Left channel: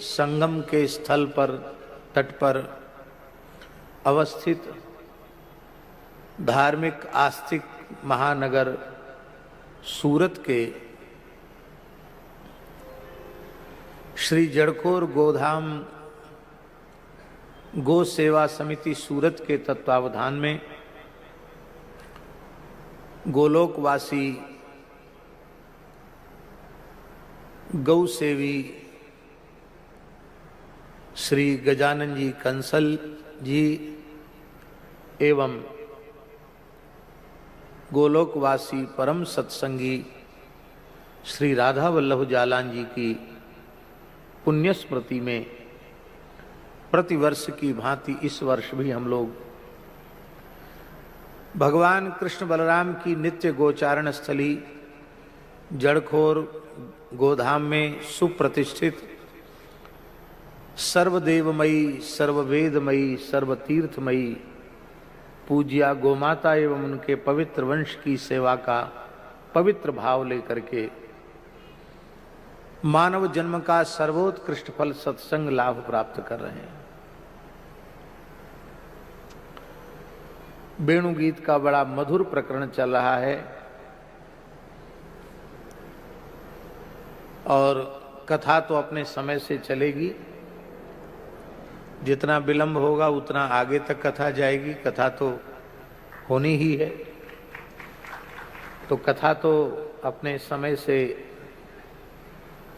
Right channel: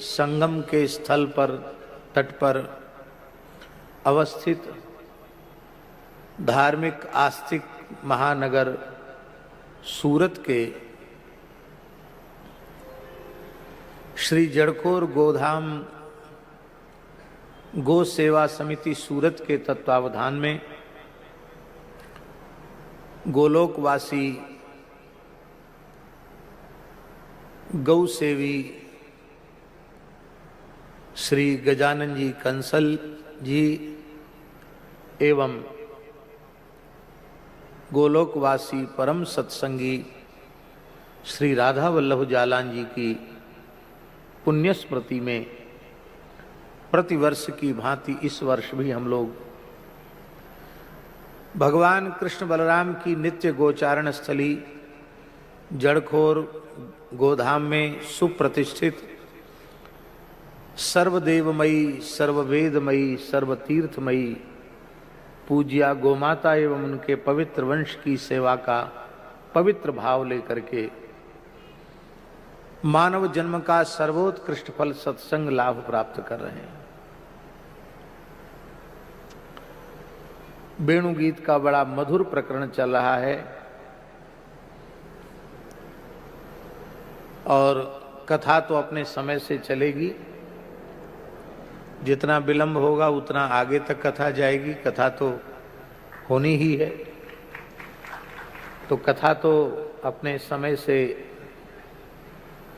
संगम के स्थल पर तट पर अवस्थित धार्मिक आस्तिक महानगर सूरत के श्री जड़खोर गोधाम गो सेवा समिति सूरत के तत्वावधान में गोलोकवासी गौ सेवी श्री गजानन जी कंसल जी एवं गोलोकवासी परम सत्संगी श्री राधा वल्लभ जालान जी की पुण्य स्मृति में प्रतिवर्ष की भांति इस वर्ष भी हम लोग भगवान कृष्ण बलराम की नित्य गोचारण स्थली जड़खोर गोधाम में सुप्रतिष्ठित सर्वदेवमयी सर्ववेदमयी सर्वतीर्थमयी पूज्या गोमाता एवं उनके पवित्र वंश की सेवा का पवित्र भाव लेकर के मानव जन्म का सर्वोत्कृष्ट फल सत्संग लाभ प्राप्त कर रहे हैं। वेणु गीत का बड़ा मधुर प्रकरण चल रहा है और कथा तो अपने समय से चलेगी। जितना विलंब होगा उतना आगे तक कथा जाएगी। कथा तो होनी ही है, तो कथा तो अपने समय से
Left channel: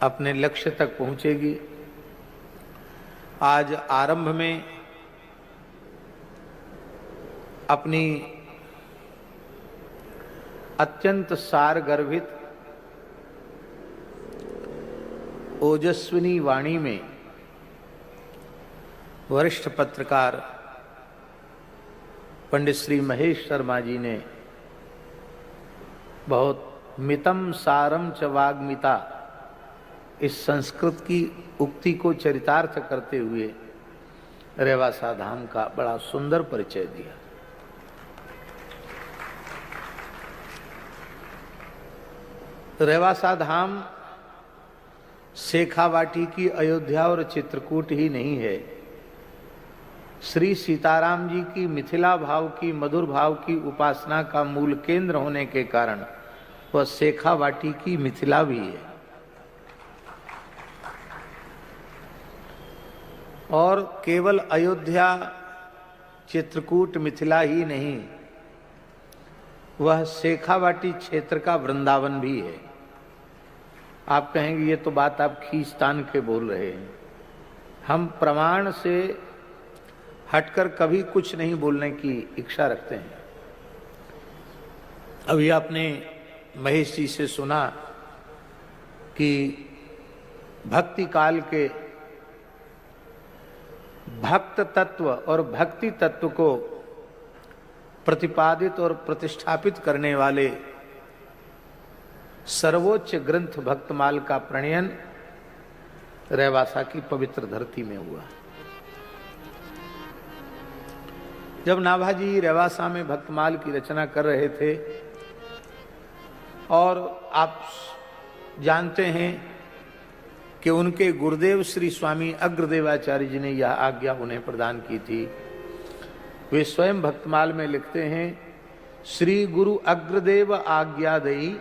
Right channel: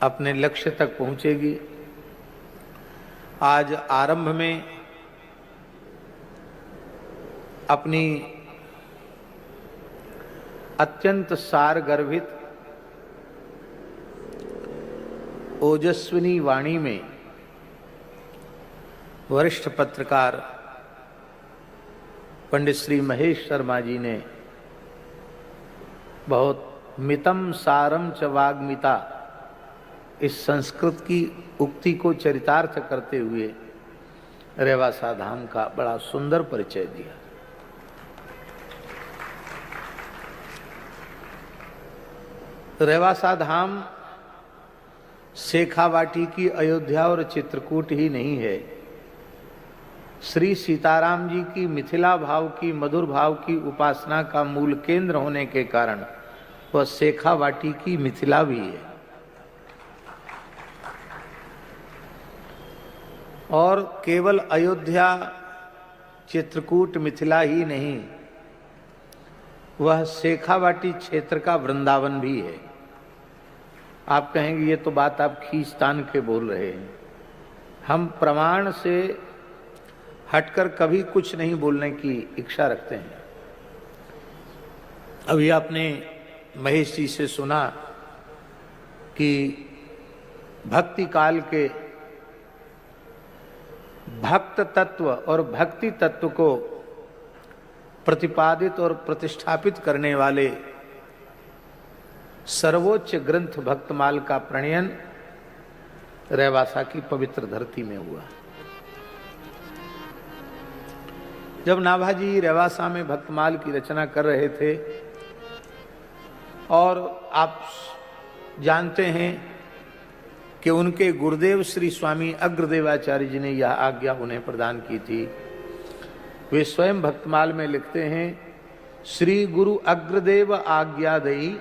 अपने लक्ष्य तक पहुंचेगी। आज आरंभ में अपनी अत्यंत सार गर्भित ओजस्विनी वाणी में वरिष्ठ पत्रकार पंडित श्री महेश शर्मा जी ने बहुत मितम सारम च वाग्मिता इस संस्कृत की उक्ति को चरितार्थ करते हुए रेवासा धाम का बड़ा सुंदर परिचय दिया। रेवासा धाम शेखावाटी की अयोध्या और चित्रकूट ही नहीं है, श्री सीताराम जी की मिथिला भाव की मधुर भाव की उपासना का मूल केंद्र होने के कारण वह शेखावाटी की मिथिला भी है। और केवल अयोध्या चित्रकूट मिथिला ही नहीं, वह शेखावाटी क्षेत्र का वृंदावन भी है। आप कहेंगे ये तो बात आप खींचतान के बोल रहे हैं। हम प्रमाण से हटकर कभी कुछ नहीं बोलने की इच्छा रखते हैं। अभी आपने महेश जी से सुना कि भक्ति काल के भक्त तत्व और भक्ति तत्व को प्रतिपादित और प्रतिष्ठापित करने वाले सर्वोच्च ग्रंथ भक्तमाल का प्रणयन रेवासा की पवित्र धरती में हुआ। जब नाभाजी रेवासा में भक्तमाल की रचना कर रहे थे, और आप जानते हैं कि उनके गुरुदेव श्री स्वामी अग्रदेवाचार्य जी ने यह आज्ञा उन्हें प्रदान की थी। वे स्वयं भक्तमाल में लिखते हैं, श्री गुरु अग्रदेव आज्ञा दई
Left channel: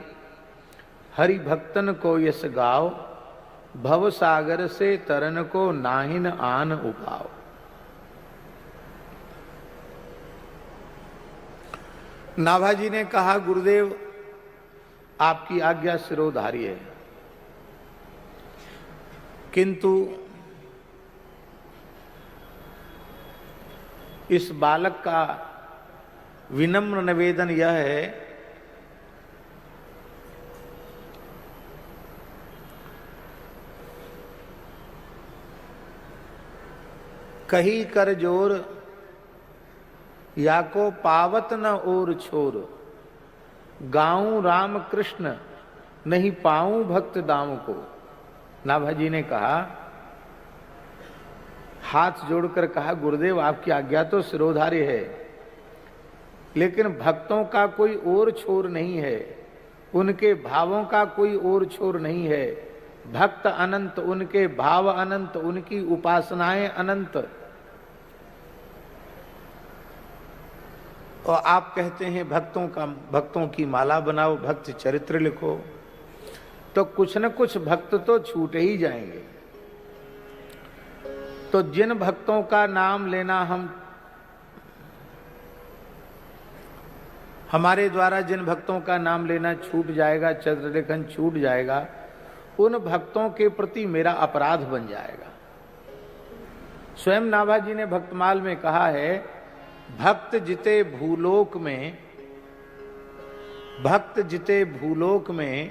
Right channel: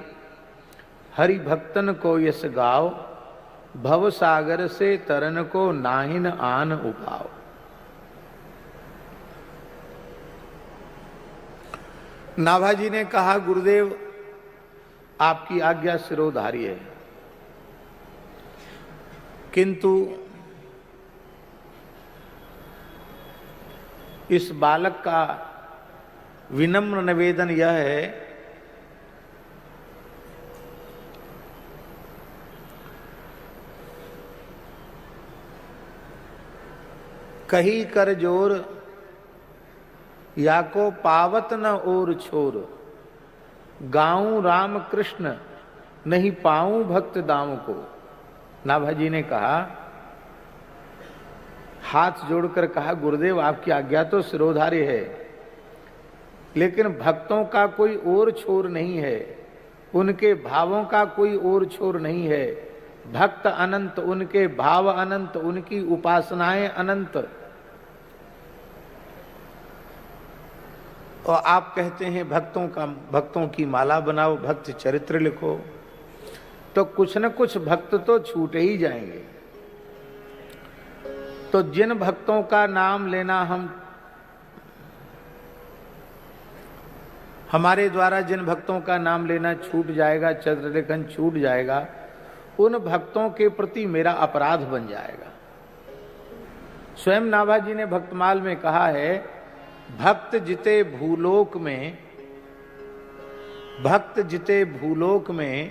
हरि भक्तन को यस गाओ, भव सागर से तरन को नाहिन आन उपाओ। नाभाजी ने कहा, गुरुदेव आपकी आज्ञा सिरोधार्य है, किंतु इस बालक का विनम्र निवेदन यह है कही कर जोर या को पावत न और छोर, गाऊं राम कृष्ण नहीं पाऊं भक्त दाम को। नाभाजी ने कहा, हाथ जोड़कर कहा, गुरुदेव आपकी आज्ञा तो सिरोधार्य है, लेकिन भक्तों का कोई और छोर नहीं है, उनके भावों का कोई और छोर नहीं है। भक्त अनंत, उनके भाव अनंत, उनकी उपासनाएं अनंत। और आप कहते हैं भक्तों की माला बनाओ, भक्त चरित्र लिखो, तो कुछ न कुछ भक्त तो छूट ही जाएंगे। तो जिन भक्तों का नाम लेना हमारे द्वारा जिन भक्तों का नाम लेना छूट जाएगा, चरित्र लेखन छूट जाएगा, उन भक्तों के प्रति मेरा अपराध बन जाएगा। स्वयं नाभाजी ने भक्तमाल में कहा है, भक्त जिते भूलोक में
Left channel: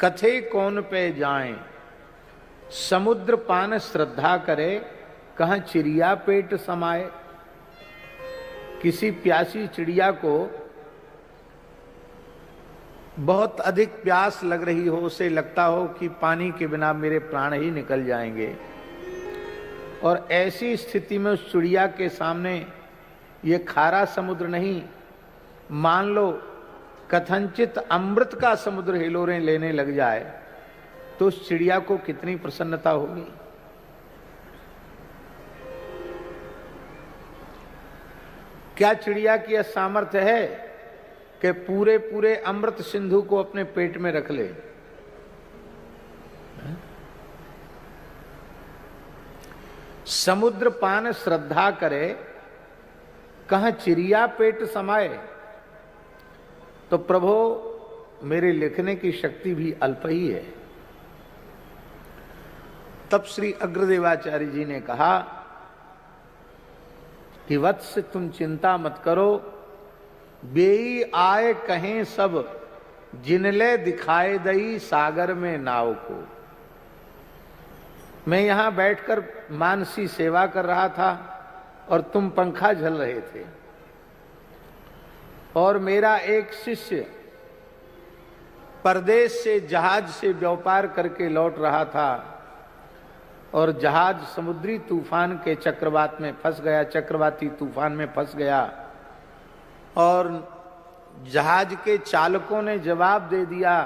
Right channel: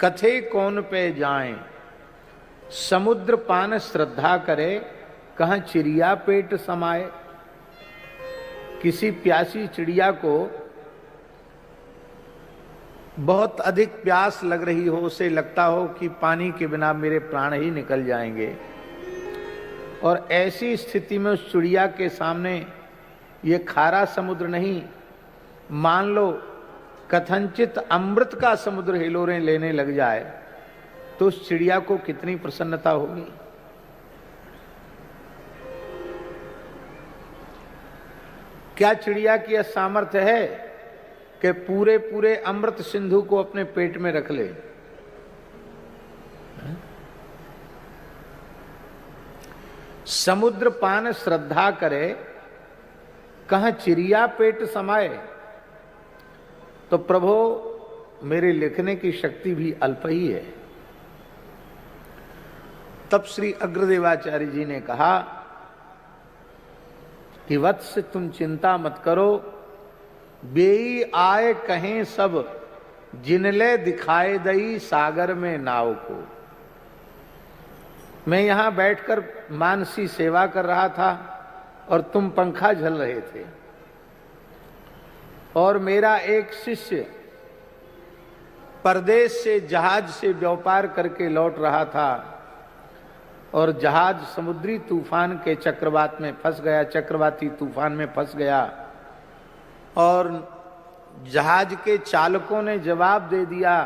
कथे कौन पे जाएं, समुद्र पान श्रद्धा करे, कहां चिड़िया पेट समाए। किसी प्यासी चिड़िया को बहुत अधिक प्यास लग रही हो, उसे लगता हो कि पानी के बिना मेरे प्राण ही निकल जाएंगे, और ऐसी स्थिति में उस चिड़िया के सामने ये खारा समुद्र नहीं, मान लो कथनचित अमृत का समुद्र हिलोरें लेने लग जाए, तो उस चिड़िया को कितनी प्रसन्नता होगी। क्या चिड़िया की यह सामर्थ्य है कि पूरे पूरे अमृत सिंधु को अपने पेट में रख ले? समुद्र पान श्रद्धा करे, कहां चिड़िया पेट समाए। तो प्रभो, मेरे लिखने की शक्ति भी अल्प ही है। तब श्री अग्रदेवाचार्य जी ने कहा कि वत्स, तुम चिंता मत करो, बेई आए कहें सब, जिनले दिखाए दई सागर में नाव को। मैं यहां बैठकर मानसी सेवा कर रहा था और तुम पंखा झल रहे थे, और मेरा एक शिष्य परदेश से जहाज से व्यापार करके लौट रहा था, और जहाज समुद्री तूफान के चक्रवात में फंस गया, चक्रवाती तूफान में फंस गया, और जहाज के चालकों ने जवाब दे दिया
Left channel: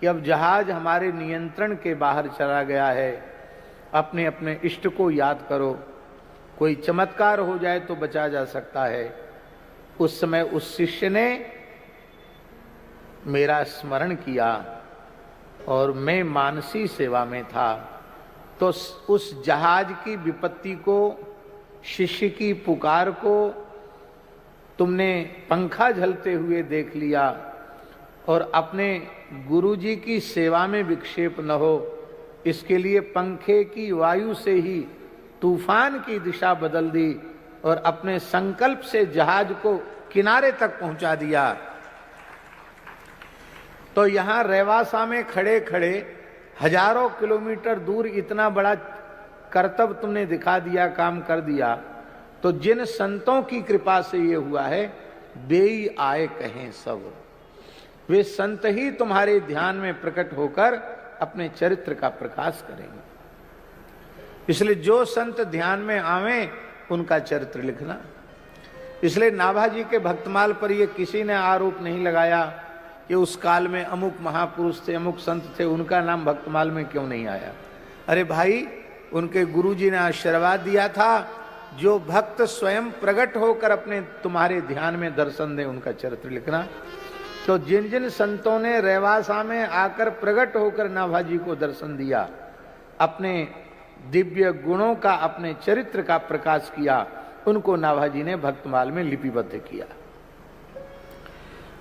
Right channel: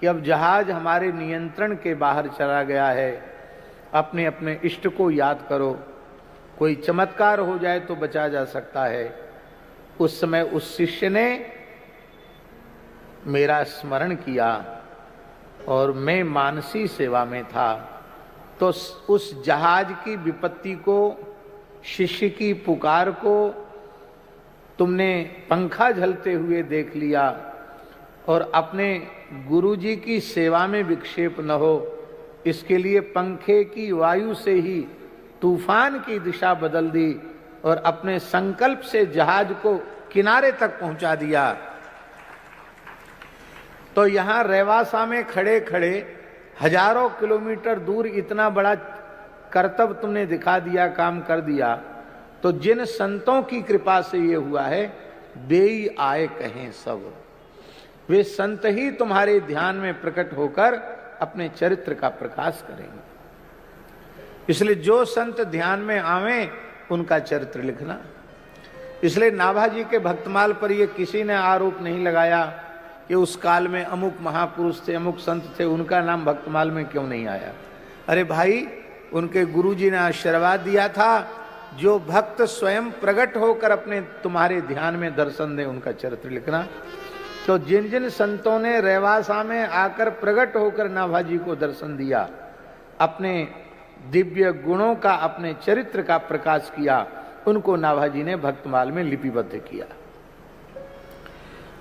कि अब जहाज हमारे नियंत्रण के बाहर चला गया है, अपने अपने इष्ट को याद करो, कोई चमत्कार हो जाए तो बचा जा सकता है। उस समय उस शिष्य ने मेरा स्मरण किया और मैं मानसी सेवा में था, तो उस जहाज की विपत्ति को, शिष्य की पुकार को तुमने पंखा झलते हुए देख लिया, और अपने गुरुजी की सेवा में विक्षेप न हो, इसके लिए पंखे की वायु से ही तूफान की दिशा बदल दी और अपने संकल्प से जहाज को किनारे तक पहुंचा दिया। तो यहां रेवासा में खड़े खड़े हजारों किलोमीटर दूर इतना बड़ा कर्तव्य तुमने दिखा दिया, काम कर दिया। तो जिन संतों की कृपा से ये हुआ है, बेई आए कहें सब, वे संत ही तुम्हारे ध्यान में प्रकट होकर अपने चरित्र का प्रकाश करेंगे। इसलिए जो संत ध्यान में आवे उनका चरित्र लिखना। इसलिए नाभाजी के भक्तमाल पर ये किसी ने आरोप नहीं लगाया कि उस काल में अमुक महापुरुष थे, अमुक संत थे, उनका नाम भक्तमाल में क्यों नहीं आया। अरे भाई, उनके गुरुजी ने आशीर्वाद दिया था, जो भक्त स्वयं प्रकट होकर अपने तुम्हारे ध्यान में दर्शन दे उनका चरित्र लिखना। तो जिन जिन संतों ने रेवासा में आकर प्रकट होकर नाभाजी को दर्शन दिया, अपने दिव्य गुणों का, अपने चरित्र का प्रकाश किया, उनको नाभाजी ने भक्तमाल में लिपिबद्ध किया।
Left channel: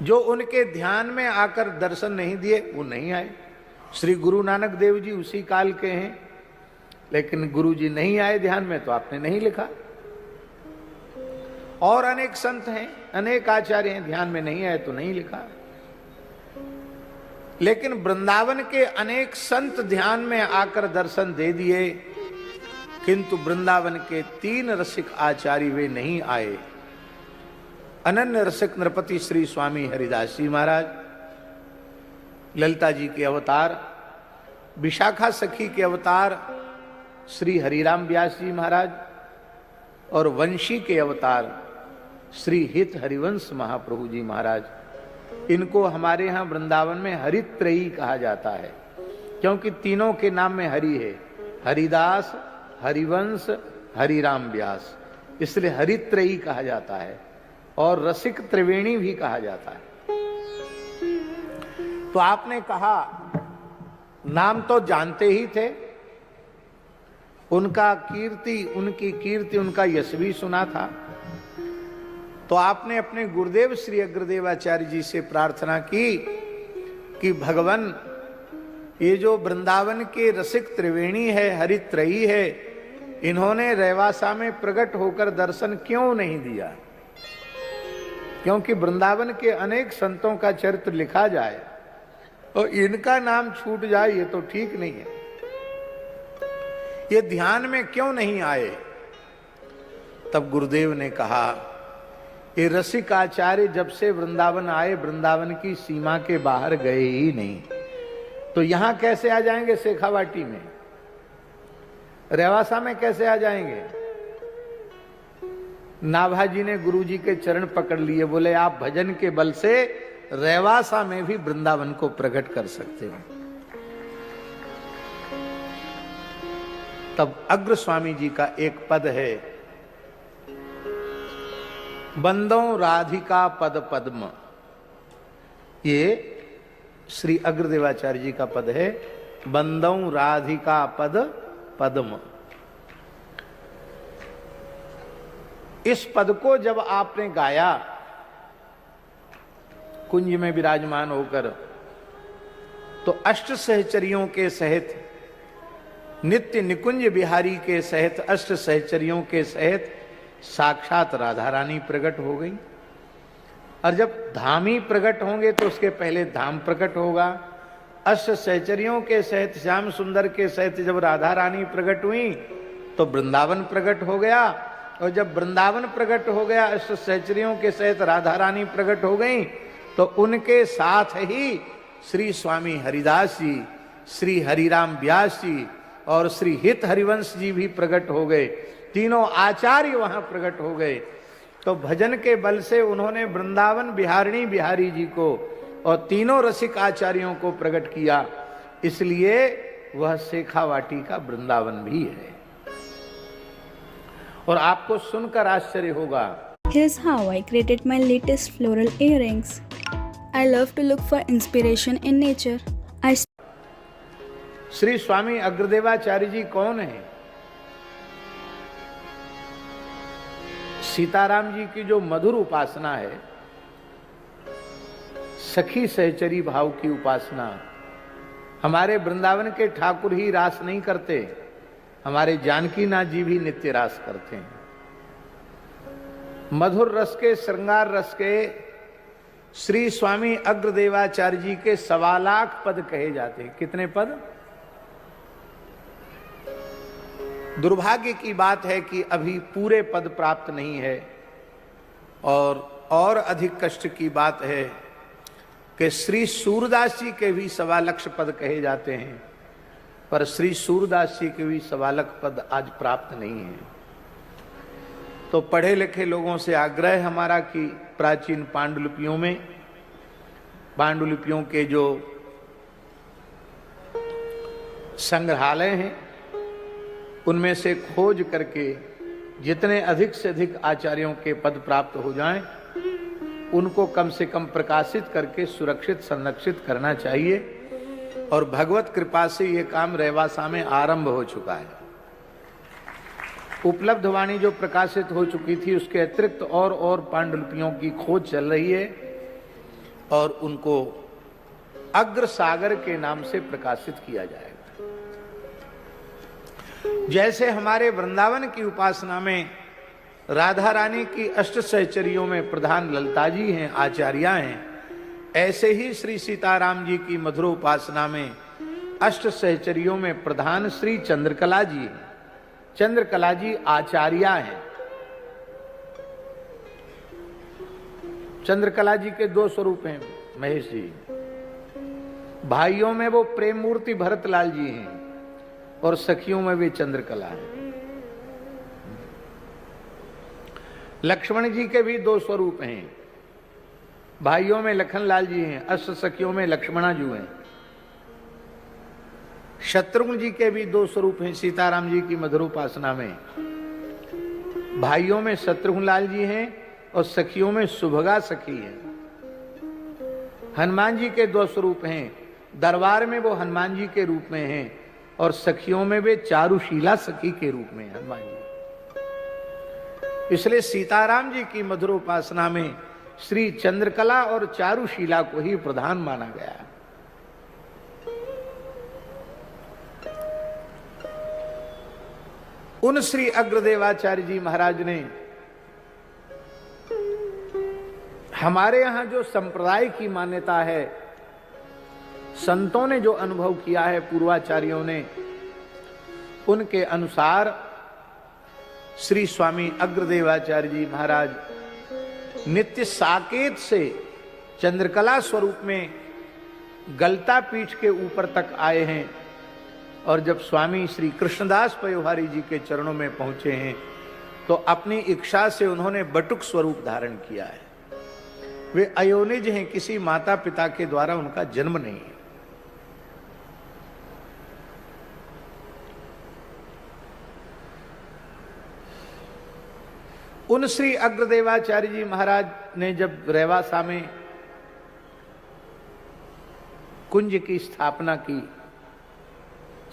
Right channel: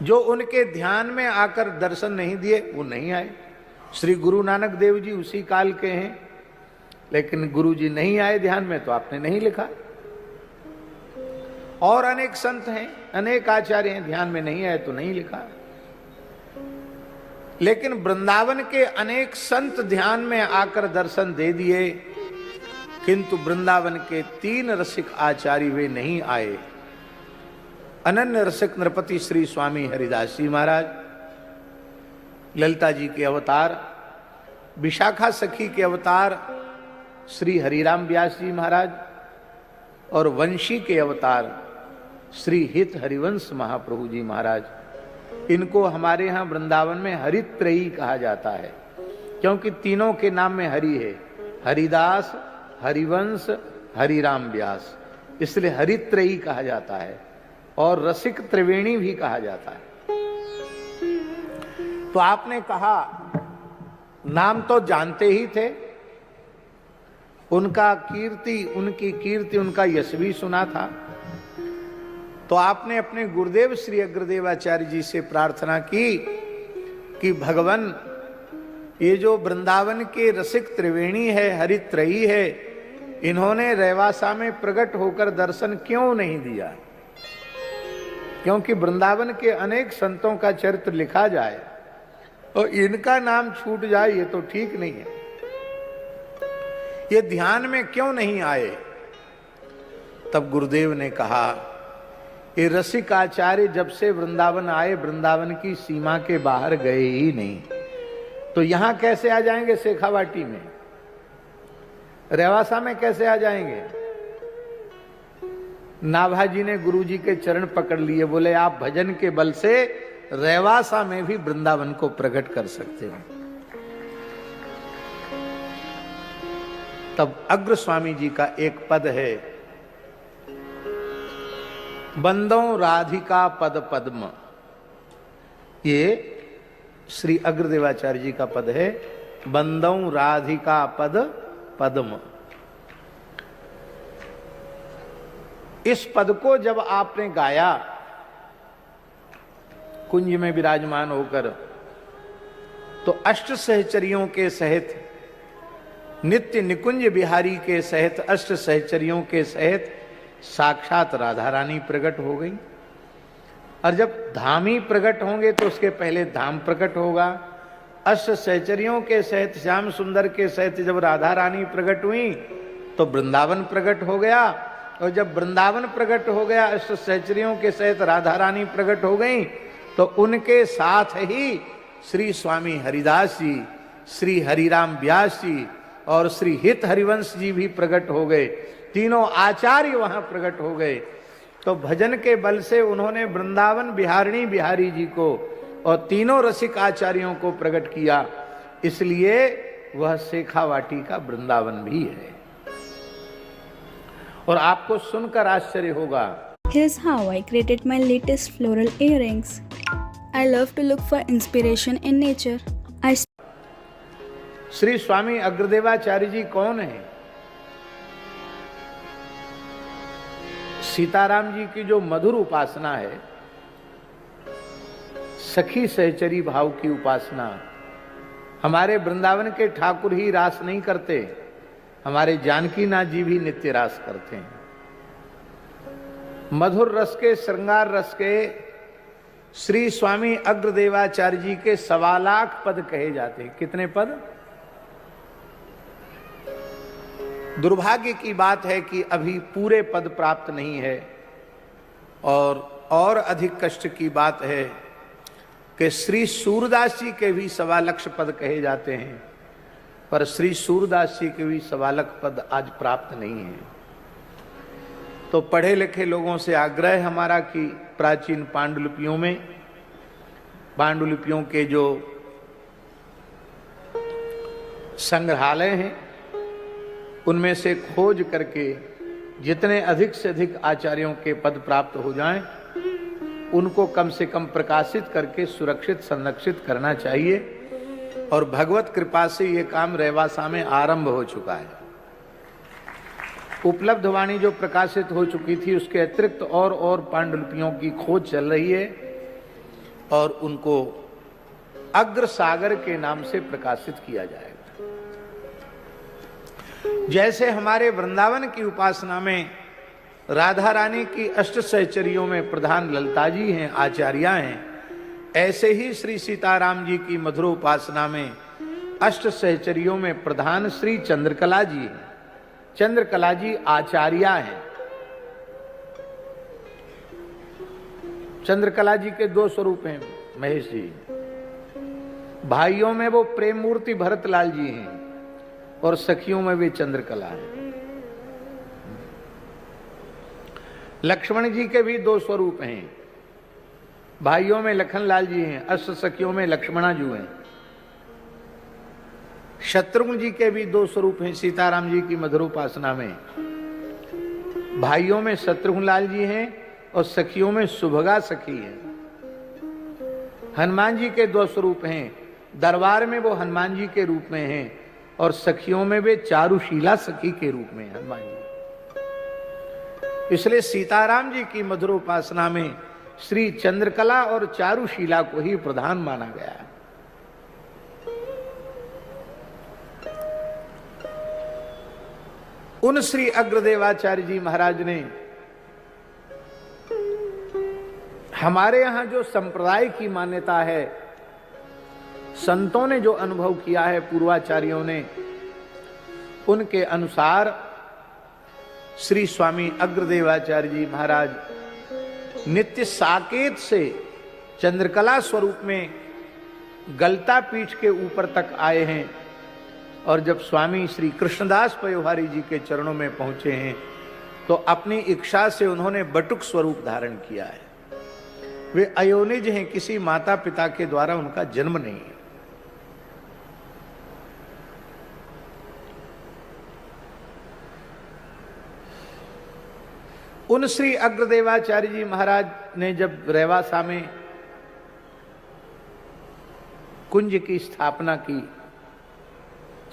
जो उनके ध्यान में आकर दर्शन नहीं दिए वो नहीं आए। श्री गुरु नानक देव जी उसी काल के हैं, लेकिन गुरु जी नहीं आए ध्यान में तो आपने नहीं लिखा। और अनेक संत हैं, अनेक आचार्य हैं, ध्यान में नहीं आए तो नहीं लिखा। लेकिन वृंदावन के अनेक संत ध्यान में आकर दर्शन दे दिए, किंतु वृंदावन के 3 रसिक आचार्य वे नहीं आए। अनन्य रसिक नृपति श्री स्वामी हरिदास जी महाराज, ललिता जी के अवतार, विशाखा सखी के अवतार श्री हरिराम व्यास जी महाराज, और वंशी के अवतार श्री हित हरिवंश महाप्रभु जी महाराज। इनको हमारे यहाँ वृंदावन में हरित्रयी कहा जाता है। क्योंकि तीनों के नाम में हरि है, हरिदास, हरिवंश, हरिराम व्यास, इसलिए हरित्रयी कहा जाता है और रसिक त्रिवेणी भी कहा जाता है। तो आपने कहा नाम तो जानते ही थे, उनकी कीर्ति उनका यश भी सुना था। तो आपने अपने गुरुदेव श्री अग्रदेवाचार्य जी से प्रार्थना की कि भगवान, ये जो वृंदावन के रसिक त्रिवेणी है, हरित्रयी है, इन्होंने रेवासा में प्रकट होकर दर्शन क्यों नहीं दिया? क्योंकि वृंदावन के अनेक संतों का चरित्र लिखा जाए और इनका नाम छूट जाए, ये तो ठीक नहीं है। ये ध्यान में क्यों नहीं आए? तब गुरुदेव ने कहा, ये रसिक आचार्य जब से वृंदावन आए, वृंदावन की सीमा के बाहर गए ही नहीं, तो यहां कैसे आ जाएंगे? शेखावाटी में, रेवासा में कैसे आ जाएंगे? नाभाजी ने गुरुजी के चरण पकड़ लिए, बोले आप भजन के बल से रेवासा में भी वृंदावन को प्रकट कर सकते हैं। तब अग्र स्वामी जी का एक पद है, बंदो राधिका पद पद्म, ये श्री अग्रदेवाचार्य जी का पद है, बंदो राधिका पद पद्म। इस पद को जब आपने गाया कुंज में विराजमान होकर, तो अष्ट सहचरियों के सहित, नित्य निकुंज बिहारी के सहित, अष्ट सहचरियों के सहित साक्षात राधा रानी प्रकट हो गई। और जब धामी प्रकट होंगे तो उसके पहले धाम प्रकट होगा। अष्ट सहचरियों के सहित, श्याम सुंदर के सहित जब राधा रानी प्रकट हुई तो वृंदावन प्रकट हो गया, और जब वृंदावन प्रकट हो गया, अष्ट सहचरियों के सहित राधा रानी प्रकट हो गई, तो उनके साथ ही श्री स्वामी हरिदास जी, श्री हरिराम व्यास जी और श्री हित हरिवंश जी भी प्रकट हो गए। तीनों आचार्य वहां प्रकट हो गए। तो भजन के बल से उन्होंने वृंदावन बिहारिणी बिहारी जी को और तीनों रसिक आचार्यों को प्रकट किया, इसलिए वह शेखावाटी का वृंदावन भी है। और आपको सुनकर आश्चर्य होगा, Here's how I created my latest floral earrings. I love to look for inspiration in nature. Shri Swami Agradevacharya जी कौन है? सीताराम जी की जो मधुर उपासना है, सखी सहचरी भाव की उपासना, हमारे वृंदावन के ठाकुर ही रास नहीं करते, हमारे जानकीनाथ जी भी नित्य रास करते हैं। मधुर रस के, श्रृंगार रस के श्री स्वामी अग्रदेवाचार्य जी के 1.25 लाख पद कहे जाते हैं। कितने पद? दुर्भाग्य की बात है कि अभी पूरे पद प्राप्त नहीं है, और अधिक कष्ट की बात है कि श्री सूरदास जी के भी 1.25 लाख पद कहे जाते हैं, पर श्री सूरदास जी के भी 1.25 लाख पद आज प्राप्त नहीं है। तो पढ़े लिखे लोगों से आग्रह हमारा कि प्राचीन पांडुलिपियों में, पांडुलिपियों के जो संग्रहालय हैं उनमें से खोज करके जितने अधिक से अधिक आचार्यों के पद प्राप्त हो जाएं, उनको कम से कम प्रकाशित करके सुरक्षित संरक्षित करना चाहिए। और भगवत कृपा से ये काम रेवासा में आरंभ हो चुका है। उपलब्ध वाणी जो प्रकाशित हो चुकी थी, उसके अतिरिक्त और पांडुलिपियों की खोज चल रही है, और उनको अग्र सागर के नाम से प्रकाशित किया जाएगा। जैसे हमारे वृंदावन की उपासना में राधा रानी की अष्ट सहचरियों में प्रधान ललिता जी हैं, आचार्या हैं, ऐसे ही श्री सीताराम जी की मधुर उपासना में अष्ट सहचरियों में प्रधान श्री चंद्रकला जी हैं। चंद्रकला जी आचार्या हैं। चंद्रकला जी के 2 स्वरूप हैं महेश जी। भाइयों में वो प्रेम मूर्ति भरतलाल जी हैं, और सखियों में वे चंद्रकला है। लक्ष्मण जी के भी 2 स्वरूप हैं। भाइयों में लखनलाल जी हैं, अष्ट सखियों में लक्ष्मणा जी हैं। शत्रुघ्न जी के भी दो स्वरूप हैं सीताराम जी की मधुर उपासना में। भाइयों में शत्रुघ्न लाल जी हैं और सखियों में सुभगा सखी है। हनुमान जी के दो स्वरूप हैं, दरबार में वो हनुमान जी के रूप में हैं और सखियों में वे चारुशीला सखी के रूप में हनुमान जी। इसलिए सीताराम जी की मधुर उपासना में श्री चंद्रकला और चारुशीला को ही प्रधान माना गया है। उन श्री अग्रदेवाचार्य जी महाराज ने हमारे यहां जो संप्रदाय की मान्यता है, संतों ने जो अनुभव किया है, पूर्वाचार्यों ने, उनके अनुसार श्री स्वामी अग्रदेवाचार्य जी महाराज नित्य साकेत से चंद्रकला स्वरूप में गलता पीठ के ऊपर तक आए हैं और जब स्वामी श्री कृष्णदास पयोहारी जी के चरणों में पहुंचे हैं तो अपनी इच्छा से उन्होंने बटुक स्वरूप धारण किया है। वे अयोनिज हैं, किसी माता पिता के द्वारा उनका जन्म नहीं है। उन श्री अग्रदेवाचार्य जी महाराज ने जब रेवासा में कुंज की स्थापना की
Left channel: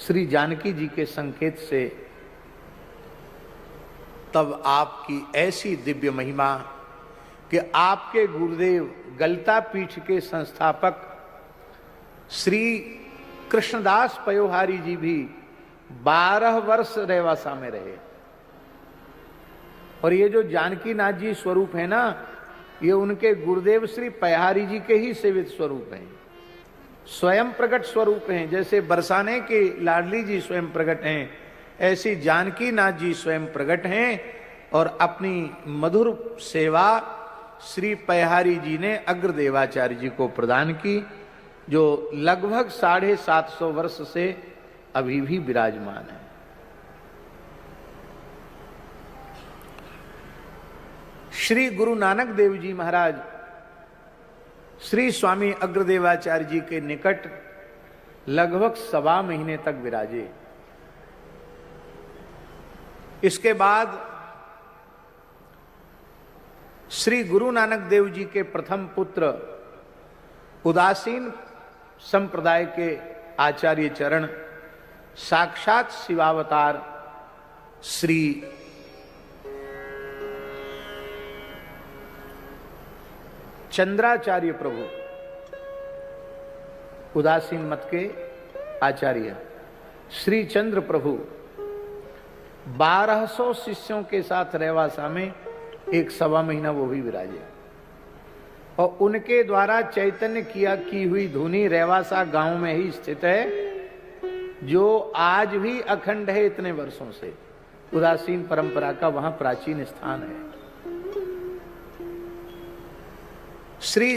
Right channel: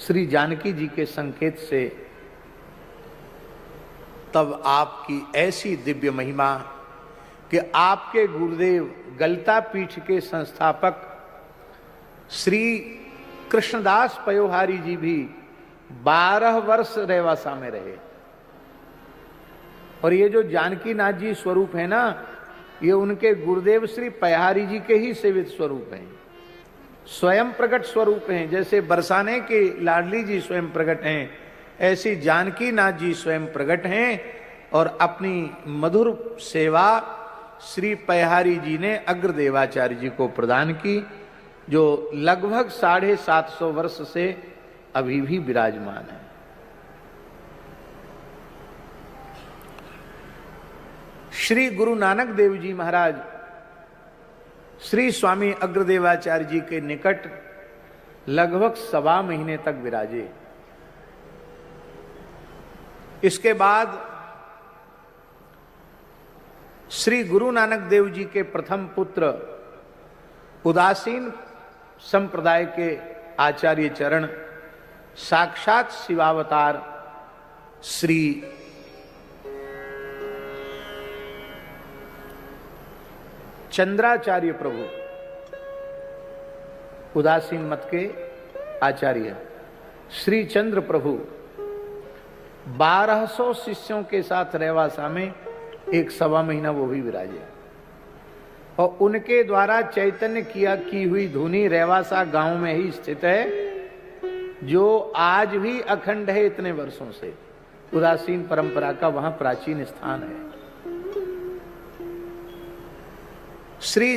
श्री जानकी जी के संकेत से, तब आपकी ऐसी दिव्य महिमा कि आपके गुरुदेव गलता पीठ के संस्थापक श्री कृष्णदास पयोहारी जी भी 12 वर्ष रेवासा में रहे। और ये जो जानकी नाथ जी स्वरूप है ना, ये उनके गुरुदेव श्री पयोहारी जी के ही सेवित स्वरूप हैं, स्वयं प्रकट स्वरूप हैं। जैसे बरसाने के लाडली जी स्वयं प्रकट हैं, ऐसी जानकी नाथ जी स्वयं प्रकट हैं और अपनी मधुर सेवा श्री पयोहारी जी ने अग्रदेवाचार्य जी को प्रदान की, जो लगभग 750 वर्ष से अभी भी विराजमान है। श्री गुरु नानक देव जी महाराज श्री स्वामी अग्रदेवाचार्य जी के निकट लगभग 1.25 महीने तक विराजे। इसके बाद श्री गुरु नानक देव जी के प्रथम पुत्र उदासीन संप्रदाय के आचार्य चरण साक्षात शिवावतार श्री चंद्राचार्य प्रभु, उदासीन मत के आचार्य श्री चंद्र प्रभु 1200 शिष्यों के साथ रेवासा में 1.25 महीना वो भी विराजे और उनके द्वारा चैतन्य की हुई धुनी रेवासा गांव में ही स्थित है, जो आज भी अखंड है। इतने वर्षों से उदासीन परंपरा का वहां प्राचीन स्थान है। श्री